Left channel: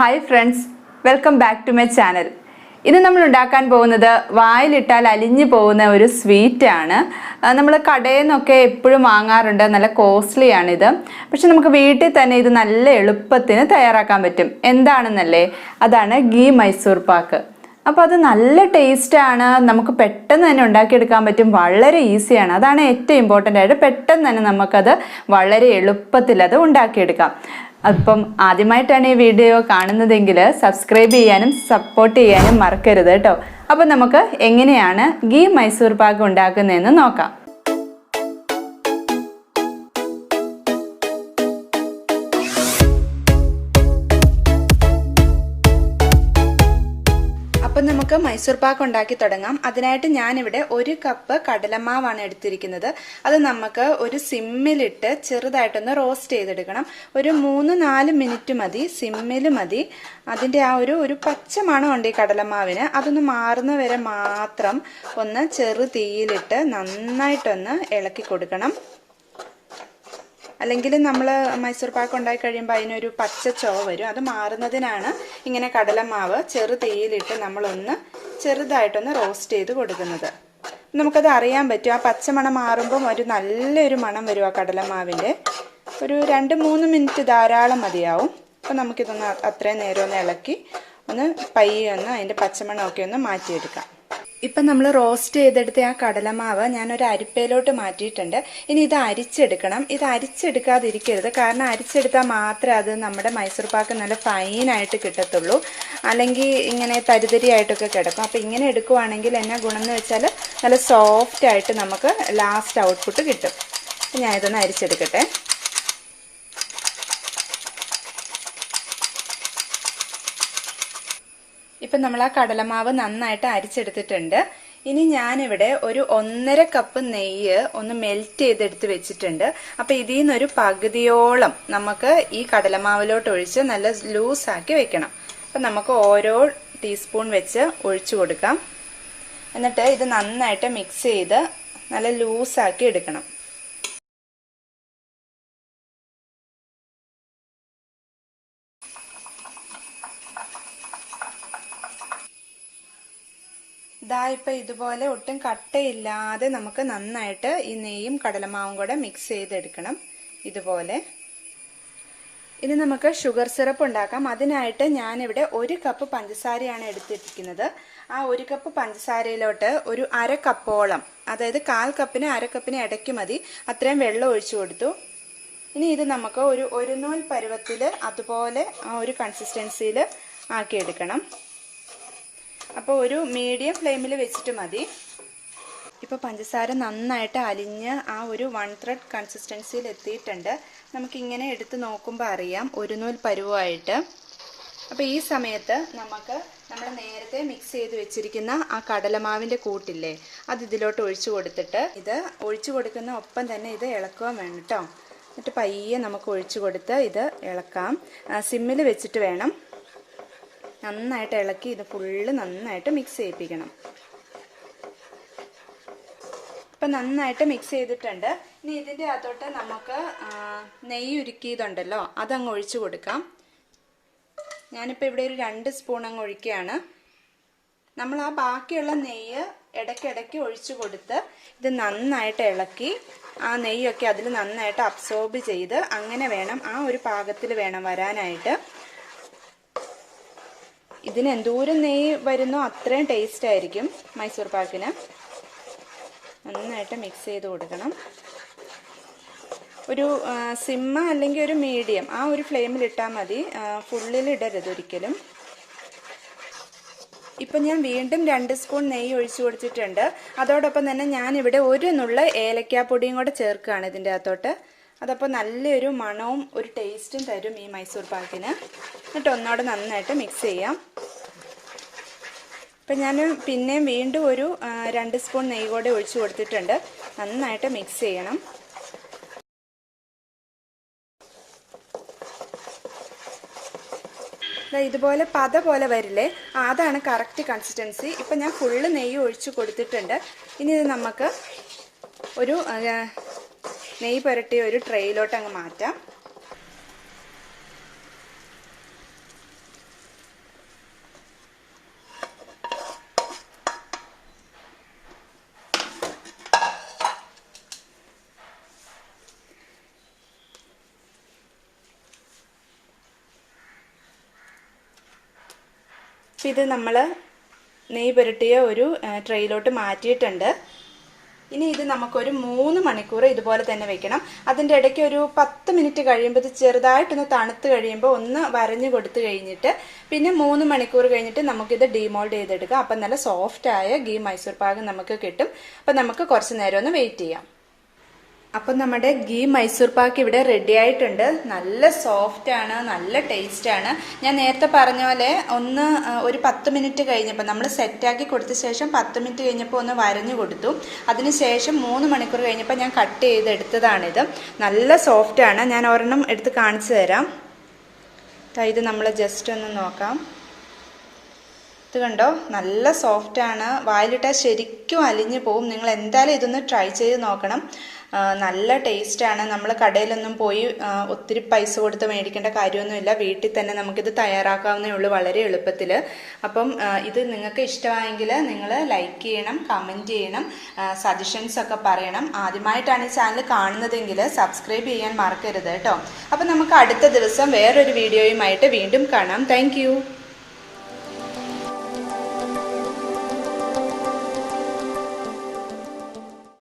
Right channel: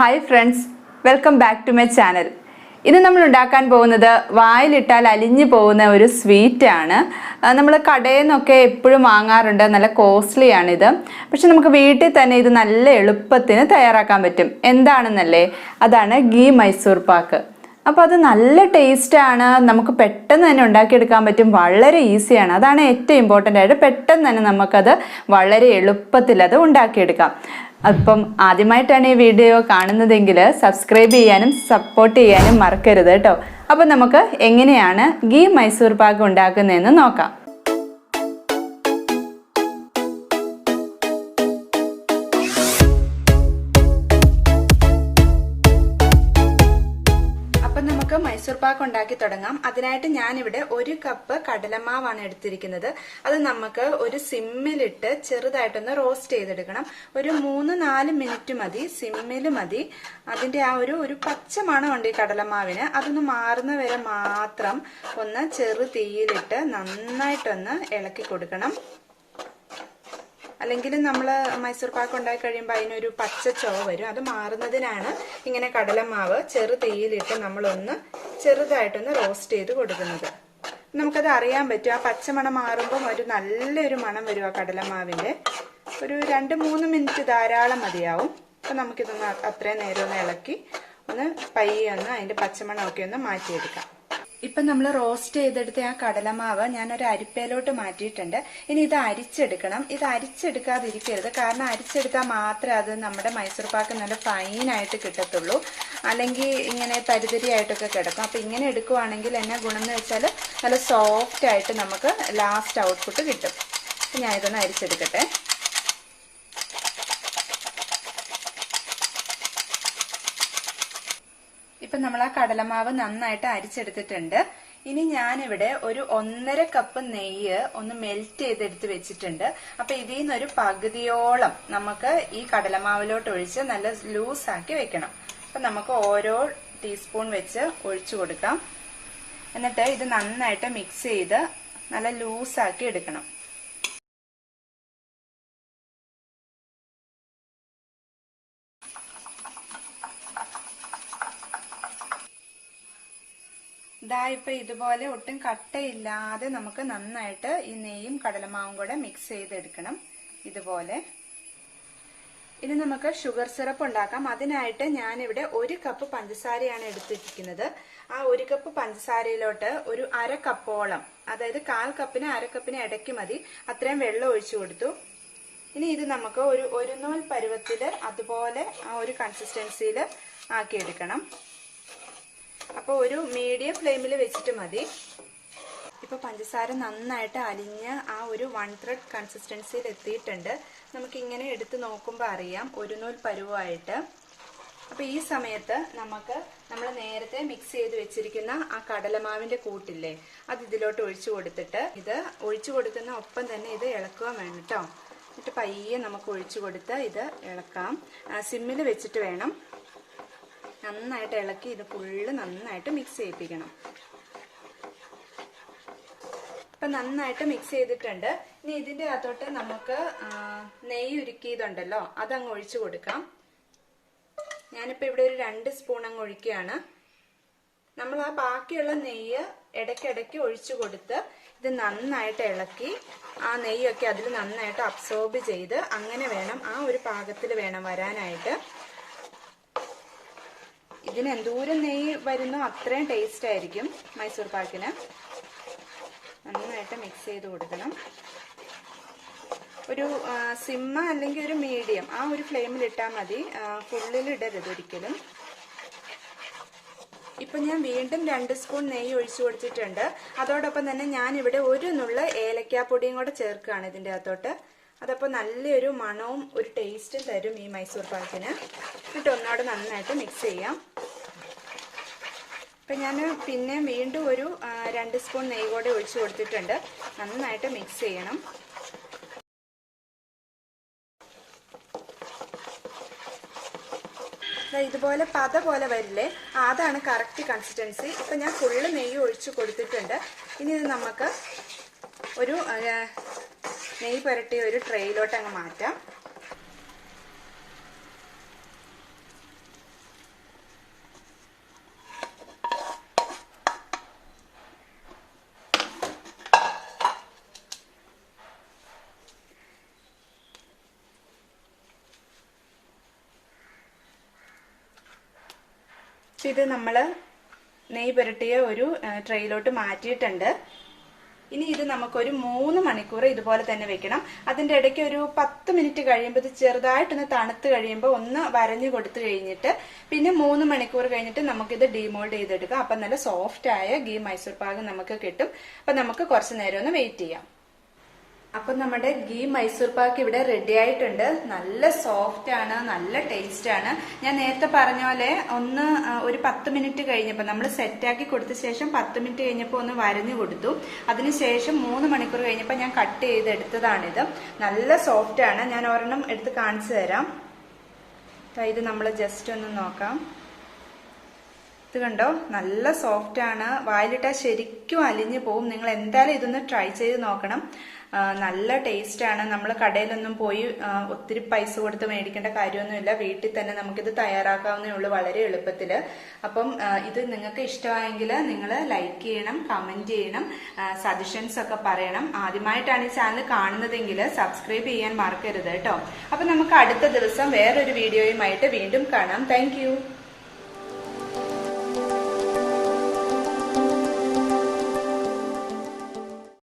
Hi friends, welcome back to my channel. ഇന്ന് നമ്മൾ ഉണ്ടാക്കാൻ പോകുന്നത് വായിലിട്ടാൽ അലിഞ്ഞു പോകുന്ന ഒരു സ്വീറ്റ് ആണ്. നമ്മൾ കടയിൽ നിന്നൊക്കെ എപ്പോഴും വാങ്ങാറുണ്ട്. നല്ല കോസ്റ്റ്ലി ആണ് ഇത്. പക്ഷെ നമുക്ക് വീട്ടിൽ തന്നെ ഇത് നല്ല എളുപ്പത്തിന് തയ്യാറാക്കാൻ പറ്റും. എന്താണെന്നല്ലേ? അതാണ് ഗീ മൈസൂർ പാക്ക്. അപ്പോൾ അത് നല്ല ടേസ്റ്റ് ആണ്. നമുക്ക് പെട്ടെന്ന് തന്നെ ഉണ്ടാക്കിയെടുക്കാൻ പറ്റും. വളരെ ഈസിയാണ്. അതാണ് ഏറ്റവും ഇമ്പോർട്ടൻ്റ് ആയിട്ട്. പെട്ടെന്ന് തന്നെ നമുക്കത് വളരെ എളുപ്പത്തിൽ അത് ഉണ്ടാക്കിയെടുക്കാം. അപ്പം ആദ്യമായിട്ടാണ് ഈ വീഡിയോ കാണുന്നതെങ്കിൽ സബ്സ്ക്രൈബ് ചെയ്യാനും സപ്പോർട്ട് ചെയ്യാനും മറക്കരുത് കേട്ടോ. അപ്പം നമുക്ക് എങ്ങനെയാണ് ഗീ മൈസൂർ പാക്ക് ഉണ്ടാക്കുന്നതെന്ന് നോക്കാം. നമുക്ക് മൈസൂർ പാക്ക് ഉണ്ടാക്കി തുടങ്ങാം. അതിനായിട്ട് ഞാനിവിടെ 1 കപ്പ് കടലമാവാണ് എടുത്തിരിക്കുന്നത്. അത് നമുക്ക് ഒരു സിമ്മിലിട്ട് ചെറുതായിട്ടൊന്ന് റോസ്റ്റ് ചെയ്തെടുക്കണം. ഒരു 3-4 മിനിറ്റ് മതി, സിമ്മിൽ മതി. അതിൻ്റെ ആ ഒരു പച്ച മണമുണ്ട് ഈ കടലമാവിന്. അതൊന്ന് മാറുന്ന വരെ മാത്രം ഒന്ന് ചെറു തീയിലിട്ട് നന്നായിട്ടൊന്ന് ഇളക്കി കൊടുക്കണം. അല്ലെങ്കിൽ നമ്മൾ മൈസൂർ പാക്ക് ഉണ്ടാക്കി കഴിയുമ്പോൾ അതിനൊരു പച്ച ചുവ വരും. അത് മാറുന്നതിനാണ് ഇങ്ങനെ കടലമാവ് ചെറു തീയിലിട്ട് നമ്മളൊന്ന് ചെറുതായിട്ടൊന്ന് റോസ്റ്റ് ചെയ്ത് കൊടുക്കുന്നത്. നമുക്കത് അറിയാൻ പറ്റും. ആ പച്ചമണം മാറുമ്പം ഒരു നല്ലൊരു മണം വരും ആ കടലമാവിൻ്റെ. ഒരു 2-3 മിനിറ്റ് ധാരാളം മതിയാവും. അപ്പം നമുക്കിതൊന്ന് അത്രയും നേരം ഒന്ന് ഇളക്കി ഒന്ന് പയ്യെ ഒന്ന് അതിൻ്റെ പച്ചമണമൊക്കെ ഒന്ന് മാറ്റിയെടുക്കാം. ഇപ്പം നമ്മൾ റോസ്റ്റ് ചെയ്തെടുത്ത ആ കടലമാവ് ഞാനൊരു അരിപ്പയിലോട്ട് മാറ്റിയിട്ടുണ്ട്. ഇനി ഇത് അരിച്ചെടുക്കണം. ഇത് അരിച്ചെടുക്കാതിരിക്കരുത്. കാരണം അരിച്ചെടുത്താൽ മാത്രമേ അത് നമ്മുടെ മൈസൂർ പാക്ക് നല്ല ഫൈനായിട്ട് കിട്ടത്തുള്ളൂ. അല്ലെങ്കിൽ ഇങ്ങനെ തരിതരിയായിട്ടൊക്കെ കിടക്കും. അപ്പോൾ ഇങ്ങനെ എടുക്കുവാണെങ്കിൽ എന്നാ ഗുണം എന്ന് വെച്ചാൽ നല്ല സോഫ്റ്റായിട്ട് നമുക്ക് ലാസ്റ്റ് ഔട്ട്പുട്ട് കിട്ടും. അപ്പം ഞാൻ ഇതൊന്ന് അരിച്ചെടുക്കട്ടെ. ഇപ്പം നമ്മൾ ആ കടലമാവ് നന്നായിട്ട് അരിച്ചെടുത്തിട്ടുണ്ട്. ഇനി ഞാനിവിടെ ഒരു 1.5 കപ്പ് നെയ്യ് ഒന്ന് മെൽറ്റ് ചെയ്തെടുത്ത് വെച്ചിട്ടുണ്ട്. അപ്പം ഇതിൽ നിന്നൊരു പകുതിയോളം നമുക്ക് ഈ കടലമാവിലോട്ട് ഒഴിച്ച് നല്ല ലൂസാക്കി വെക്കണം. അപ്പം നമുക്ക് ഓരോ ടീസ്പൂൺ വെച്ച് ഒഴിച്ചു കൊടുക്കാം. എന്നിട്ട് ഇത് നന്നായിട്ട് മിക്സ് ചെയ്ത് നല്ല ലൂസാക്കി എടുക്കണം. ഇപ്പം ഇതുപോലെ ഒട്ടും കട്ടയില്ലാതെ നമുക്ക് നന്നായിട്ട് ഈ നെയ്യും കടലമാവും കൂടെ മിക്സ് ചെയ്തെടുക്കണം. ഇതുപോലെ. ഇനി നമുക്ക് ഷുഗർ സിറപ്പ് ഉണ്ടാക്കാം. അതിനായിട്ട് ഞാനിവിടെ 1 കപ്പ് പഞ്ചസാരയാണ് എടുത്തിരിക്കുന്നത്. ആ 1 കപ്പ് പഞ്ചസാരയിലോട്ട് ഒരു 1/2 കപ്പോളം, അതായത് 1/4 കപ്പിന് 1/2 കപ്പിന് ഇടയ്ക്ക് മതി, അത്രയും വെള്ളം ഒഴിച്ചു കൊടുത്തു. ഇനി ഇത് നമുക്ക് ഒരു നൂൽ പരുവത്തിൽ അതുപോലെ ആ ഒരു കൺസിസ്റ്റൻസിയിൽ ആക്കിയെടുക്കണം. അപ്പോൾ ഒരു മീഡിയം ഫ്ലെയിമിൽ വെച്ചിട്ട് മതി. ഇപ്പോൾ പഞ്ചസാര നന്നായിട്ട് അലിഞ്ഞ് ആ ഒരു 1/3 കൺസിസ്റ്റൻസിയിൽ എത്തിയിട്ടുണ്ട്. നമുക്കിങ്ങനെ എടുത്ത് നോക്കുമ്പോൾ അറിയാം ഒരു നൂൽ പരുവമായിട്ട്. അപ്പോൾ ഈ സമയത്ത് നമ്മൾ നേരത്തെ മിക്സ് ചെയ്ത് വെച്ചിരിക്കുന്ന ആ കടലമാവിൻ്റെ കൂട്ടില്ലേ, അത് ഇതിലോട്ട് ഒഴിച്ചു കൊടുത്തിട്ട് ഇത് ഒഴിച്ചു കൊടുക്കുന്ന ഒപ്പം തന്നെ ഇത് ഇളക്കുക വേണം കേട്ടോ. എന്നിട്ട് പയ്യെ നമുക്ക് ഒഴിച്ചു കൊടുത്ത് ഇത് ഇളക്കാം. സിമ്മിൽ വെച്ചിട്ട് വേണം. നന്നായിട്ട് ഇളക്കി ഇത് ഫുള്ള് നന്നായിട്ട് മിക്സ് ചെയ്യിപ്പിക്കണം. ഇപ്പം നന്നായിട്ട് മിക്സ് ചെയ്തിട്ടുണ്ട്. ഇനി ഇതിൻ്റെ അകത്തോട്ട് നമുക്ക് നെയ്യ് ഉരുക്കിയതുണ്ടല്ലോ, അതങ്ങ് ഒഴിച്ചു കൊടുക്കാം. ഞാനിപ്പോൾ ഇവിടെ ഒരു 2 സ്പൂൺ അങ്ങ് ഒഴിക്കുകയാണ്. നമ്മൾ ആ ബാക്കിയുള്ള നെയ്യ് ഇടയ്ക്കിടയ്ക്ക് ഒഴിച്ചു കൊടുത്ത് ഇത് നന്നായിട്ട് ഇളക്കി ആ നെയ്യൊക്കെ അതിൽ നന്നായിട്ട് അബ്സോർബ് ചെയ്ത് അങ്ങനെ വേണം, ആ ഒരു പാകത്തിൽ വേണം വരാനായിട്ട്. ഇതിന് എന്തോരം നെയ്യ് വരുന്നോ അത്രയും ടേസ്റ്റ് ആയിരിക്കും മൈസൂർ പാക്കിന്. നന്നായിട്ട് മിക്സ് ചെയ്ത് കൊടുക്കണം. ഒരു സിമ്മ അല്ലെങ്കിൽ ഒരു മീഡിയം ആ ഒരു ഫ്ലെയിമിൽ ഇട്ടാൽ മതി. ഫുള്ളിൽ ഇടരുത് ഒരിക്കലും. ഇപ്പം ഞാൻ വീണ്ടും 2 സ്പൂൺ നെയ്യ് ഒഴിച്ചു കൊടുത്തിട്ടുണ്ട്. അതോടൊപ്പം തന്നെ ഞാനിവിടെ ഒരു നുള്ള ഏലക്കാപ്പൊടിയും കൂടെ ചേർക്കുകയാണ് ഇതിൻ്റെ അകത്തോട്ട്. അതപ്പോൾ നല്ലൊരു മണവും ഒരു ടേസ്റ്റും തരും ഈ മൈസൂർ പാക്കിന്. എന്നിട്ട് ഒന്നോടെ നന്നായിട്ട് മിക്സ് ചെയ്യാം. ഇപ്പം ഞാൻ പിന്നെയും വീണ്ടും ഒരു 2 സ്പൂൺ നെയ്യ് കൂടെ ഒഴിച്ചു കൊടുത്തിട്ടുണ്ട്. നന്നായിട്ട് മിക്സ് ചെയ്യണം. ഇതുപോലെ പത പോലെ വരില്ലേ, അതാണ് കറക്റ്റ് കൺസിസ്റ്റൻസി. ഇപ്പം ഞാൻ ഫുള്ള് നെയ്യ് ഒഴിച്ചു കൊടുത്തിട്ടുണ്ട്. ഇനി ഇത് നമുക്ക് ഒരു നെയ്യ് പുരട്ടിയ ഒരു ട്രേയിലോട്ട് അങ്ങ് മാറ്റാം. ഇത് നമ്മൾ നെയ്യ് പുരട്ടിയ ഒരു ട്രെയിലോട്ട് മാറ്റിയിട്ടുണ്ട്. ഇനി ഇത് നമുക്കൊരു 3 മണിക്കൂർ ഇതുപോലെ തന്നെ വെക്കണം. അതിൻ്റെ ഇടയ്ക്ക് ഒരു 10 മിനിറ്റ് കഴിയുമ്പോൾ ഇത് ചെറുതായിട്ടൊന്ന് തണുത്ത് കഴിയുമ്പോൾ ഒന്ന് വരഞ്ഞു കൊടുത്തു കഴിഞ്ഞിട്ട് പിന്നെ 3 മണിക്കൂർ കഴിഞ്ഞിട്ട് നമുക്കിത് ഡീമോൾഡ് ചെയ്തെടുക്കാം. അപ്പം നല്ല സോഫ്റ്റായ ഗീ മൈസൂർ പാക്ക് നമുക്ക് കിട്ടും. അപ്പം നമുക്ക് കുറച്ച് നേരം ഒന്ന് വെയിറ്റ് ചെയ്യാം. അപ്പം നമ്മുടെ ഗീ മൈസൂർ പാക്ക് ഇവിടെ റെഡി ആയിട്ടുണ്ട്. നല്ല സോഫ്റ്റ് ആണ്, നല്ല ടേസ്റ്റ് ആണ്. ഞാൻ നേരത്തെ പറഞ്ഞ പോലെ ഒരു 10 മിനിറ്റ് കഴിഞ്ഞപ്പോൾ നമ്മൾ സെറ്റാക്കി കൊടുത്ത ശേഷം 10 മിനിറ്റ് കഴിഞ്ഞപ്പോൾ ഒന്ന് വരഞ്ഞു കൊടുത്തു. അതിനുശേഷം 3 മണിക്കൂർ കഴിഞ്ഞപ്പോൾ ഞാൻ കട്ട് ചെയ്തെടുത്തതാണിത്. നല്ല സോഫ്റ്റ് ആണ്. ഞാൻ ഒരെണ്ണം എടുത്ത് കാണിച്ചു തരാം. ഇത് നമ്മൾ ജസ്റ്റ് ഒന്ന് നോക്കാം. ഇത് കണ്ടോ, നല്ല സോഫ്റ്റ് ആണ്. വായിലിട്ടാൽ ശരിക്കും അലിഞ്ഞു പോവും. നിങ്ങൾ എന്തായാലും ഇതൊന്ന് ട്രൈ ചെയ്ത് നോക്കണം. നല്ല ടേസ്റ്റാണ്. നമ്മൾ കടയിലൊന്നും പോയി ഒത്തിരി പൈസ കൊടുത്ത് മേടിക്കേണ്ട കാര്യമൊന്നുമില്ല. വീട്ടിൽ തന്നെ നമുക്കിത് തയ്യാറാക്കാവുന്നേ ഉള്ളൂ, വളരെ എളുപ്പത്തിൽ. അപ്പം ഇത് നിങ്ങൾക്ക് ഇഷ്ടമായെങ്കിൽ നിങ്ങൾ ലൈക്ക് ചെയ്യണം, കമൻറ്റ് ചെയ്യണം, സജഷൻസ് ഒക്കെ പറയണം. ആദ്യമായിട്ടാണ് ഈ ചാനൽ കാണുന്നതെങ്കിൽ സബ്സ്ക്രൈബ് ചെയ്യാൻ മറക്കരുത് കേട്ടോ. അപ്പം നമുക്ക് അടുത്ത ദിവസം വേറൊരു വീഡിയോയുമായിട്ട് വീണ്ടും കാണാം. താങ്ക്